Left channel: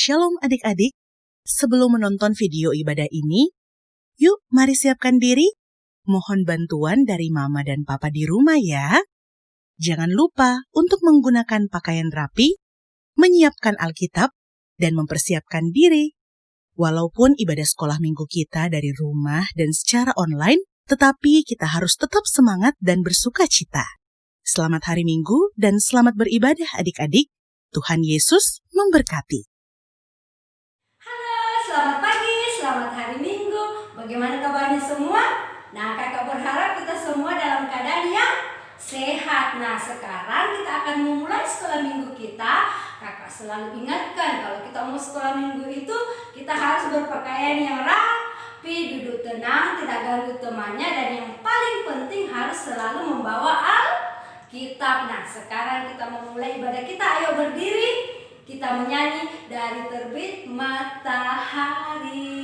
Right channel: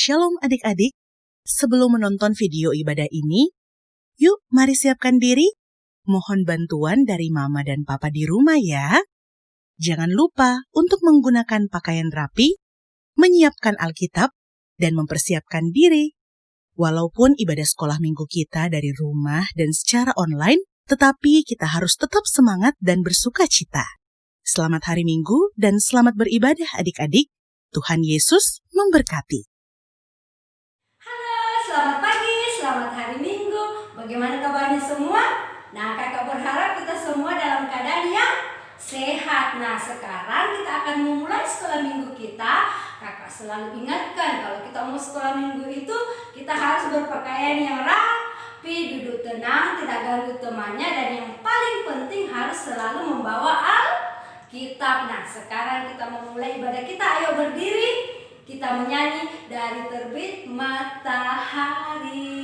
Shalom adik-adik, sebelum menonton video ibadah ini, yuk mari siapkan diri. Mohon bantuan dari mama dan papa di rumah ya. Jangan lupa untuk menggunakan pakaian rapi, menyiapkan Alkitab, dan mempersiapkan diri. Walaupun ibadah sekolah minggu kita dari rumah dan secara online, tetapi kita harus tetap semangat dan bersuka cita. Selamat hari Minggu dan selamat beribadah adik-adik. Tuhan Yesus memberkati. Halo, selamat pagi, selamat hari Minggu. Bagaimana kabarnya semua? Nah, kakak berharap kita semua dalam keadaan yang sehat. Nah, sekarang kita akan memulai sekolah minggu kita. Kakak selalu ingatkan kalau kita mau sekolah minggu itu kita harus berpakaian yang rapi, duduk tenang, tidak ganggu temannya, dan yang paling penting harus selalu membawa Alkitab. Nah, sekarang kita memulai ibadah kita. Ayo berdiri, kita menyanyi dari terbit matahari.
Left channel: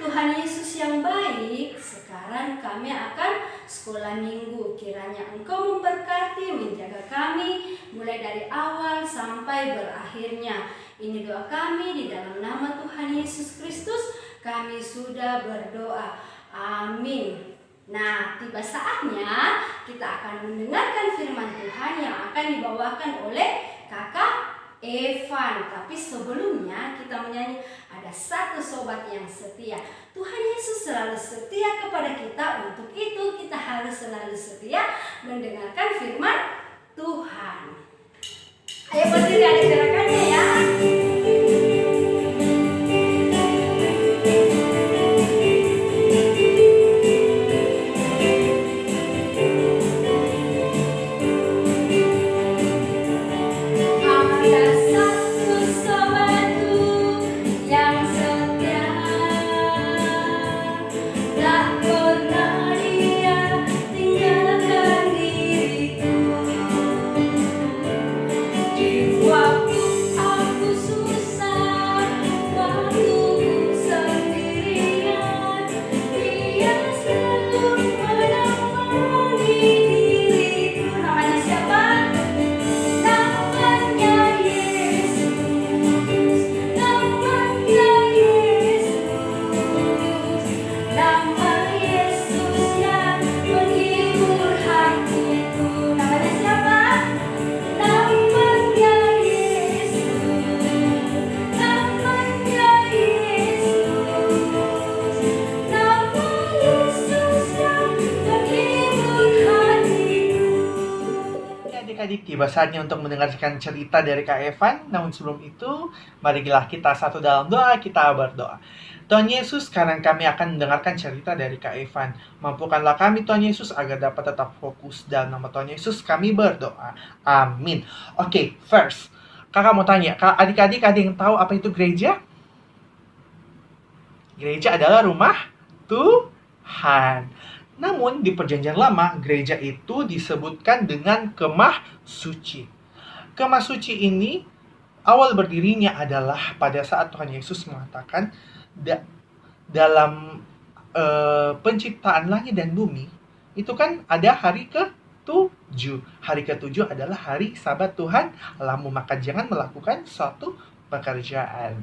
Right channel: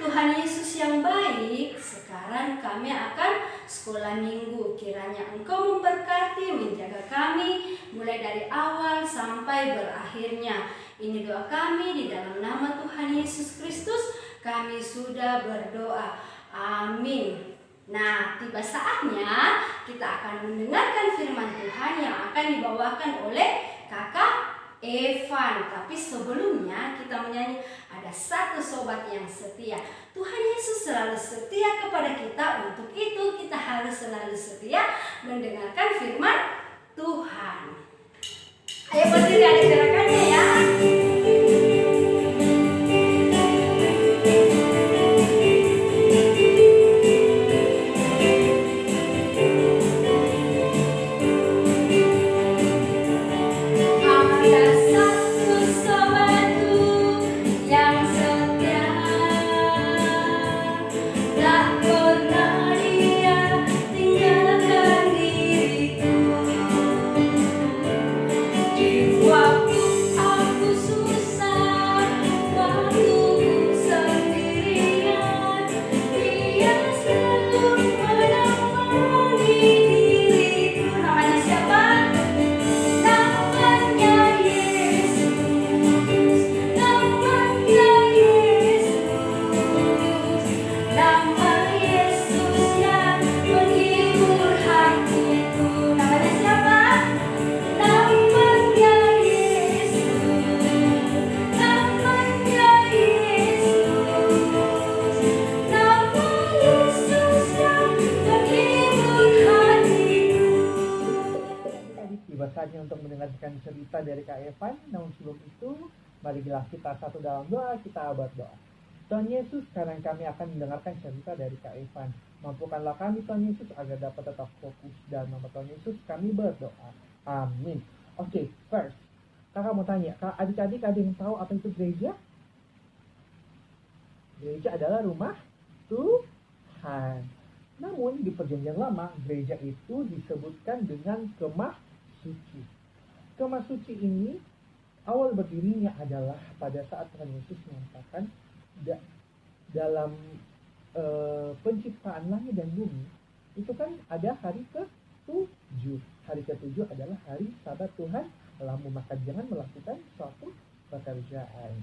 Tuhan Yesus yang baik, sekarang kami akan sekolah minggu. Kiranya Engkau memberkati, menjaga kami mulai dari awal sampai berakhirnya. Ini doa kami di dalam nama Tuhan Yesus Kristus. Kami sudah berdoa. Amin. Nah, tiba saatnya kita akan mendengarkan firman Tuhan yang akan dibawakan oleh kakak Evan. Tapi sebelumnya kita menyanyi ada satu sobat yang setia. Tuhan Yesus selalu setia kepada kita. Untuk itu kita harus selalu setia mendengarkan firman Tuhan. Ayo berdiri, ada gerakannya ya. Wow. tiba saatnya untuk mendengarkan cerita dari Kak Evan. Namun sebelum itu, marilah kita satu dalam doa, kita berdoa. Tuhan Yesus, sekarang kami akan mendengarkan cerita dari Kak Evan. Mampukanlah kami Tuhan Yesus agar dapat tetap fokus. Dalam nama Tuhan Yesus kami berdoa. Amin. Oke, first, kakak mau tanya, adik-adik ada yang tahu apa itu gereja? Gereja adalah rumah Tuhan. Namun di perjanjian lama, gereja itu disebutkan dengan kemah suci. Kemah suci ini awal berdirinya adalah pada saat Tuhan Yesus mengatakan dalam penciptaan langit dan bumi, itu kan ada hari ke-7. Hari ke-7 adalah hari Sabat Tuhan, lalu maka jangan melakukan suatu pekerjaan.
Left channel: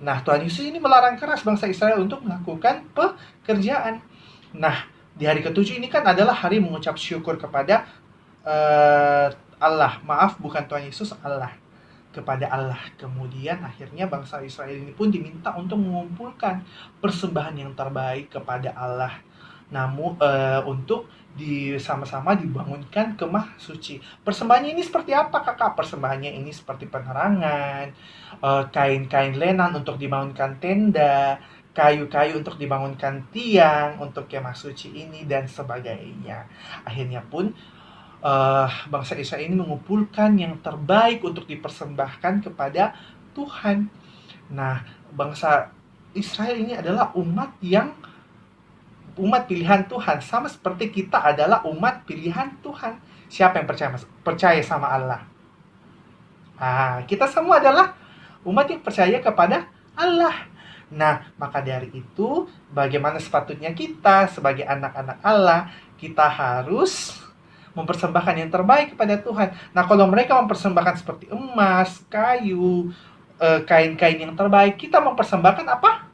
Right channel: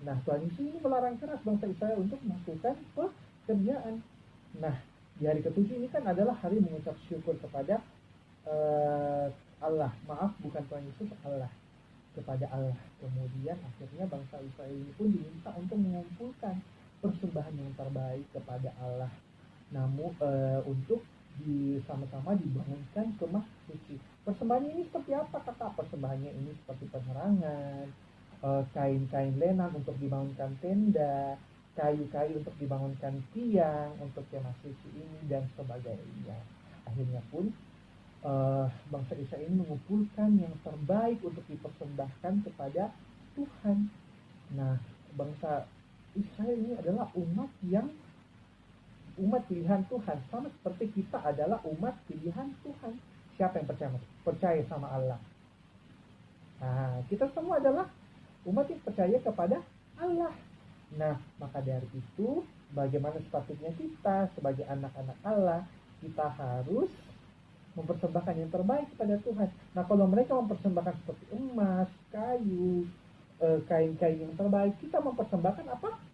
Nah, Tuhan Yesus ini melarang keras bangsa Israel untuk melakukan pekerjaan. Nah, di hari ke-7 ini kan adalah hari mengucap syukur kepada Allah. Maaf, bukan Tuhan Yesus, Allah. Kepada Allah. Kemudian akhirnya bangsa Israel ini pun diminta untuk mengumpulkan persembahan yang terbaik kepada Allah. Namun untuk sama-sama dibangunkan kemah suci. Persembahannya ini seperti apa, kakak? Persembahannya ini seperti penerangan, kain-kain lenan untuk dibangunkan tenda, kayu-kayu untuk dibangunkan tiang untuk kemah suci ini, dan sebagainya. Akhirnya pun bangsa Israel ini mengumpulkan yang terbaik untuk dipersembahkan kepada Tuhan. Nah, bangsa Israel ini adalah umat pilihan Tuhan, sama seperti kita adalah umat pilihan Tuhan. Siapa yang percaya sama Allah? Kita semua adalah umat yang percaya kepada Allah. Nah, maka dari itu, bagaimana sepatutnya kita sebagai anak-anak Allah, kita harus mempersembahkan yang terbaik kepada Tuhan. Nah, kalau mereka mempersembahkan seperti emas, kayu, kain-kain yang terbaik, kita mempersembahkan apa?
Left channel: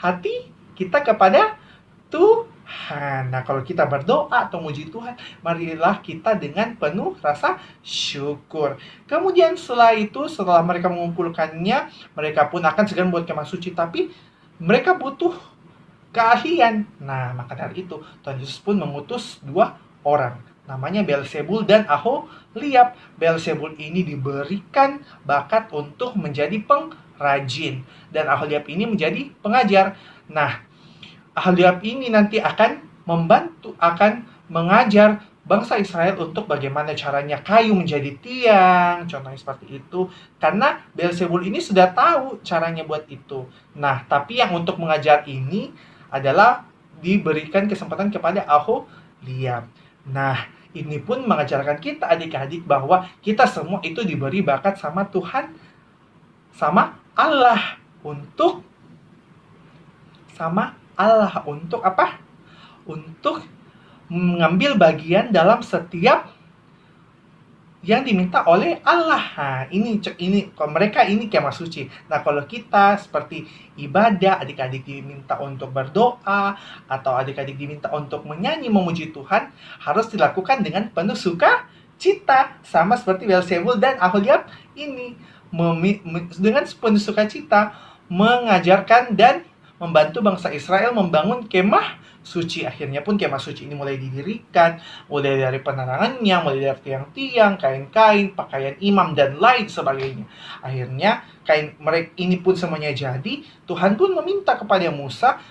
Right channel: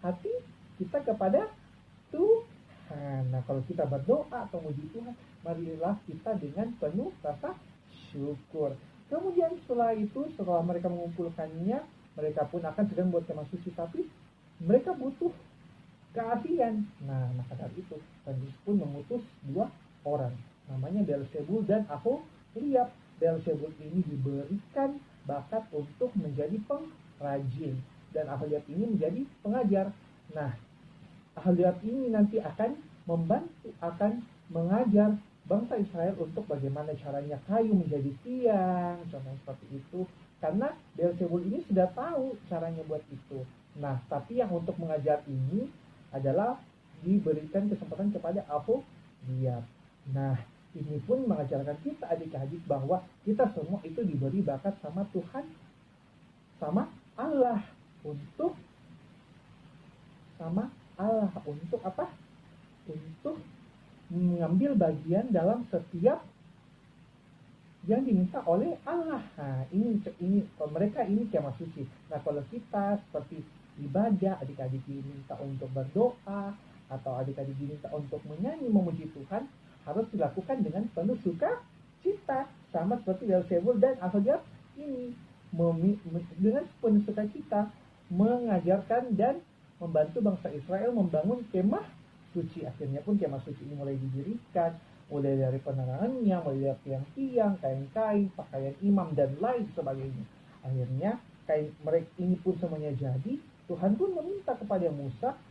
Hati kita kepada Tuhan. Nah, kalau kita berdoa atau memuji Tuhan, marilah kita dengan penuh rasa syukur. Kemudian setelah mereka mengumpulkannya, mereka pun akan segera membuat kemah suci, tapi mereka butuh keahlian. Nah, maka dari itu Tuhan Yesus pun mengutus 2 orang, namanya Beelzebul dan Aholiab. Beelzebul ini diberikan bakat untuk menjadi pengrajin, dan Aholiab ini menjadi pengajar. Nah, Aholiab ini nanti akan mengajar bangsa Israel untuk bagaimana caranya kayu menjadi tiang, contohnya seperti itu. Karena Beelzebul ini sudah tahu caranya buat itu. Nah, tapi yang untuk mengajar ini adalah diberikan kesempatan kepada Aholiab. Nah, ini pun mengajarkan kita adik-adik bahwa kita semua itu diberi bakat sama Tuhan, sama Allah untuk apa? Untuk mengambil bagian dalam setiap yang diminta oleh Allah. Nah, ini kalau mereka ini kemah suci. Nah, kalau kita seperti ibadah, adik-adik diminta untuk berdoa, atau adik-adik diminta untuk menyanyi memuji Tuhan, harus dilakukan dengan penuh sukacita, sama seperti Beelzebul dan Aholiab ini dengan penuh sukacita mengajarkan dan membantu bangsa Israel membangun kemah suci. Akhirnya pun kemah suci ini mulai didirikan, mulai dari penerangannya, mulai dari tiang-tiang, kain-kain, pakaian imam, dan lain sebagainya. Akhirnya mereka ini pun semuanya jadi. Tuhan pun meminta kepada Musa,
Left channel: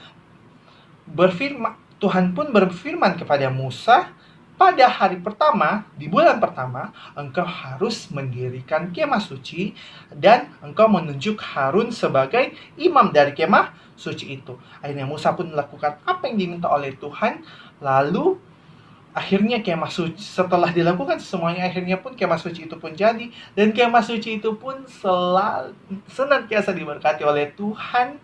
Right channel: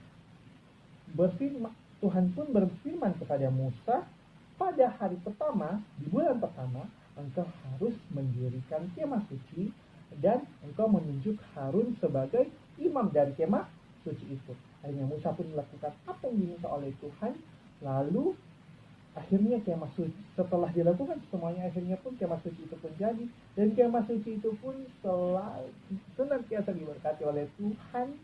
Tuhan pun berfirman kepada Musa, pada hari pertama, di bulan pertama, engkau harus mendirikan kemah suci, dan engkau menunjuk Harun sebagai imam dari kemah suci itu. Akhirnya Musa pun melakukan apa yang diminta oleh Tuhan. Lalu akhirnya kemah suci, setelah dilakukan semuanya, akhirnya pun kemah suci itu pun jadi. Dan kemah suci itu pun senantiasa diberkati oleh Tuhan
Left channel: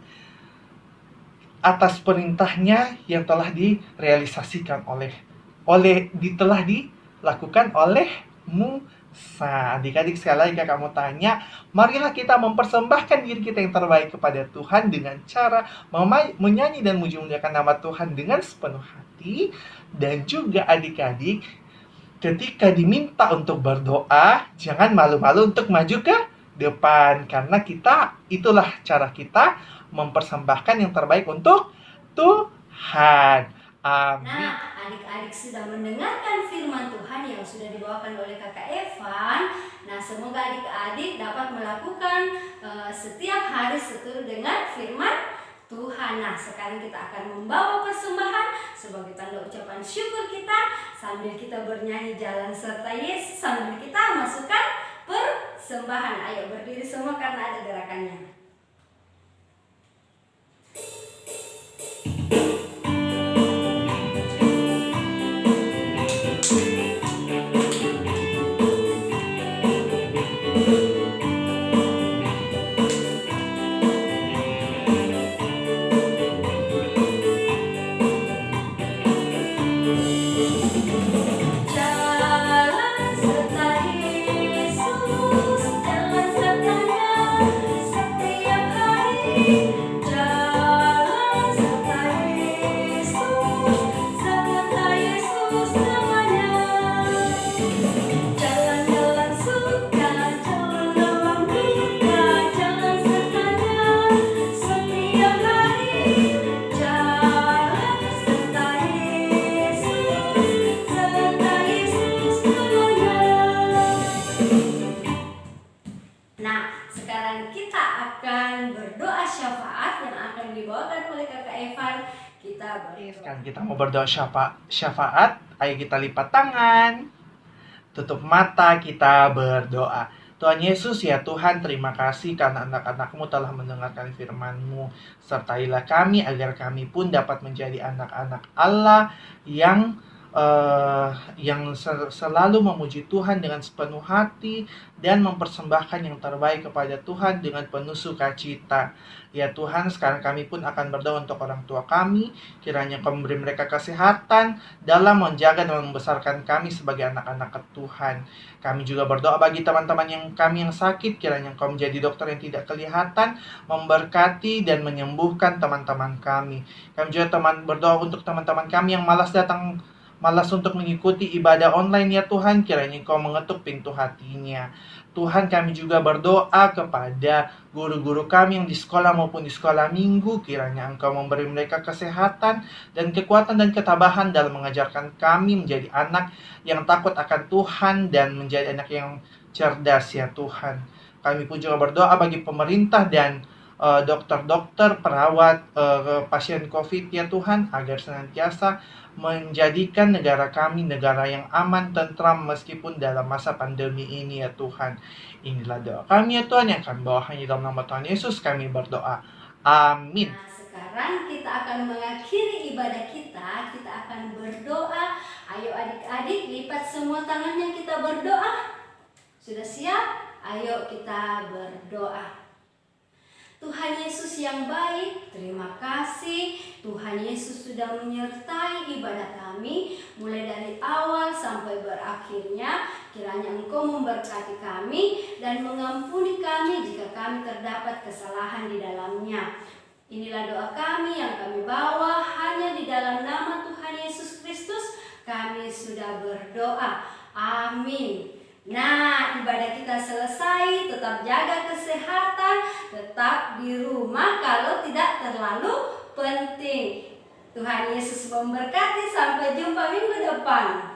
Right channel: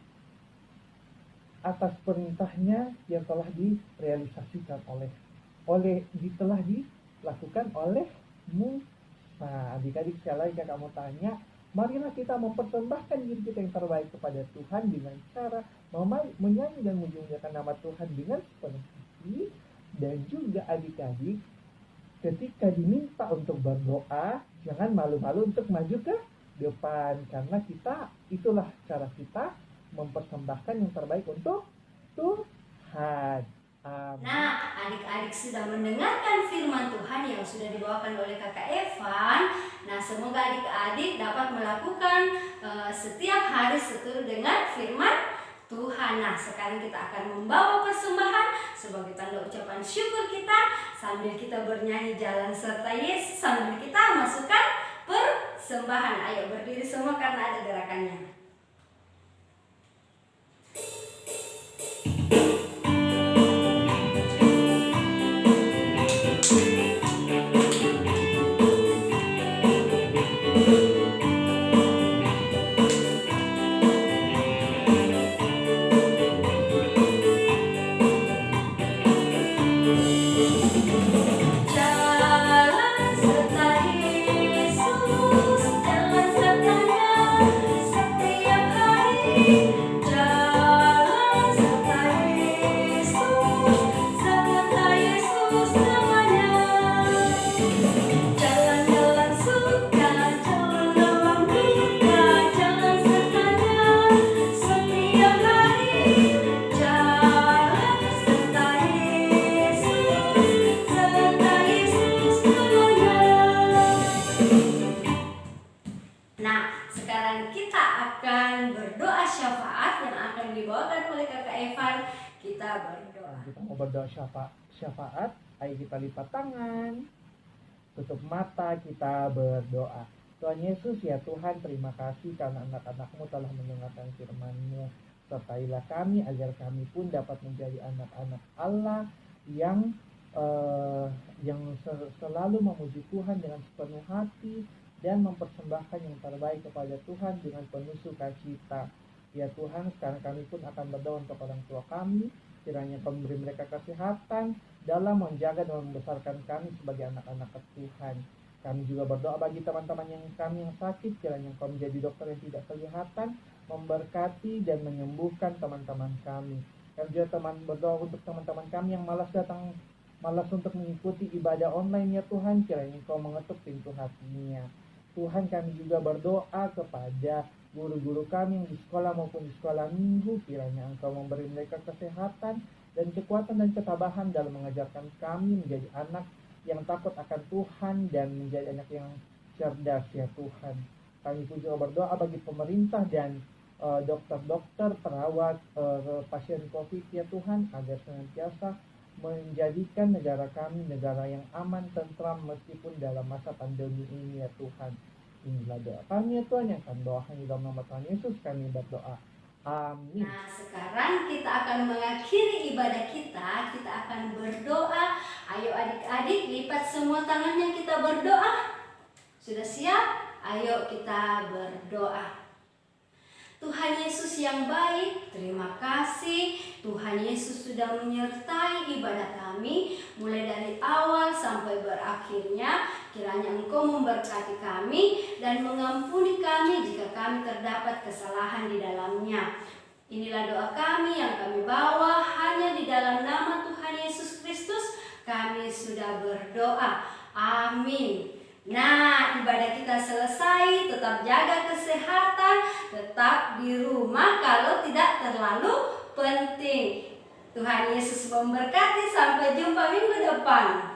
atas perintahnya yang telah direalisasikan telah dilakukan oleh Musa. Adik-adik, sekali lagi kakak mau tanya, marilah kita mempersembahkan diri kita yang terbaik kepada Tuhan dengan cara menyanyi dan memuji-muliakan nama Tuhan dengan sepenuh hati. Dan juga adik-adik, ketika diminta untuk berdoa, jangan malu-malu untuk maju ke depan, karena itulah cara kita mempersembahkan yang terbaik untuk Tuhan. Amin. Nah, adik-adik sudah mendengarkan firman Tuhan yang sudah dibawakan oleh Kakak Evan. Nah, semoga adik-adik dapat melakukan setiap hari seturut dengan firman Tuhan. Nah, sekarang kita akan membawa persembahan sebagai tanda ucapan syukur kita sambil kita bernyanyi Jalan Serta Yesus, sambil kita masukkan persembahan. Ayo berdiri semua karena ada gerakannya. Kita mau berdoa syafaat. Ayo kita lipat tangan, tutup mata, kita berdoa. Tuhan Yesus, ya Tuhan, terima kasih karena anak-anak-Mu telah mendengarkan firman-Mu. Sertailah kami agar kami pun dapat menjadi anak-anak Allah yang selalu memuji Tuhan dengan sepenuh hati dan mempersembahkan yang terbaik kepada Tuhan dengan penuh sukacita. Ya Tuhan, sekarang kami pun akan berdoa untuk orang tua kami. Kiranya Kau memberi mereka kesehatan dalam menjaga dan membesarkan kami sebagai anak-anak Tuhan. Kami juga berdoa bagi teman-teman yang sakit. Kiranya Kau menjadi dokter yang tidak kelihatan, memberkati dan menyembuhkan teman-teman kami. Kami juga berdoa untuk teman-teman kami yang malas untuk mengikuti ibadah online, ya Tuhan. Kiranya Kau mengetuk pintu hatinya. Tuhan, kami juga berdoa kepada guru-guru kami yang di sekolah maupun di sekolah minggu. Kiranya Engkau memberi mereka kesehatan dan kekuatan dan ketabahan dalam mengajarkan kami menjadi anak yang takut akan Tuhan dan menjadi anak yang cerdas, ya Tuhan. Kami pun juga berdoa bagi pemerintah dan dokter-dokter, perawat pasien COVID, ya Tuhan, agar senantiasa menjadikan negara kami negara yang aman, tentram meskipun dalam masa pandemi ini, ya Tuhan. Inilah doa kami, ya Tuhan, yang kami bawa hanya dalam nama Tuhan Yesus kami berdoa. Amin. Nah, sekarang kita akan mengakhiri ibadah kita. Kita akan berdoa. Ayo adik-adik, lipat semua tangannya, kita berdoa. Sudah siap? Ayo kita berdoa. Tuhan Yesus yang baik, terima kasih Tuhan Yesus sudah menyertai ibadah kami mulai dari awal sampai berakhirnya. Kiranya Engkau memberkati kami dan mengampuni kami jika kami terdapat kesalahan di dalamnya. Inilah doa kami yang kami bawa hanya di dalam nama Tuhan Yesus Kristus kami sudah berdoa. Amin. Nah, ibadah kita selesai. Tetap jaga kesehatan, tetap di rumah kalau tidak terlalu penting. Tuhan Yesus memberkati. Sampai jumpa minggu depan.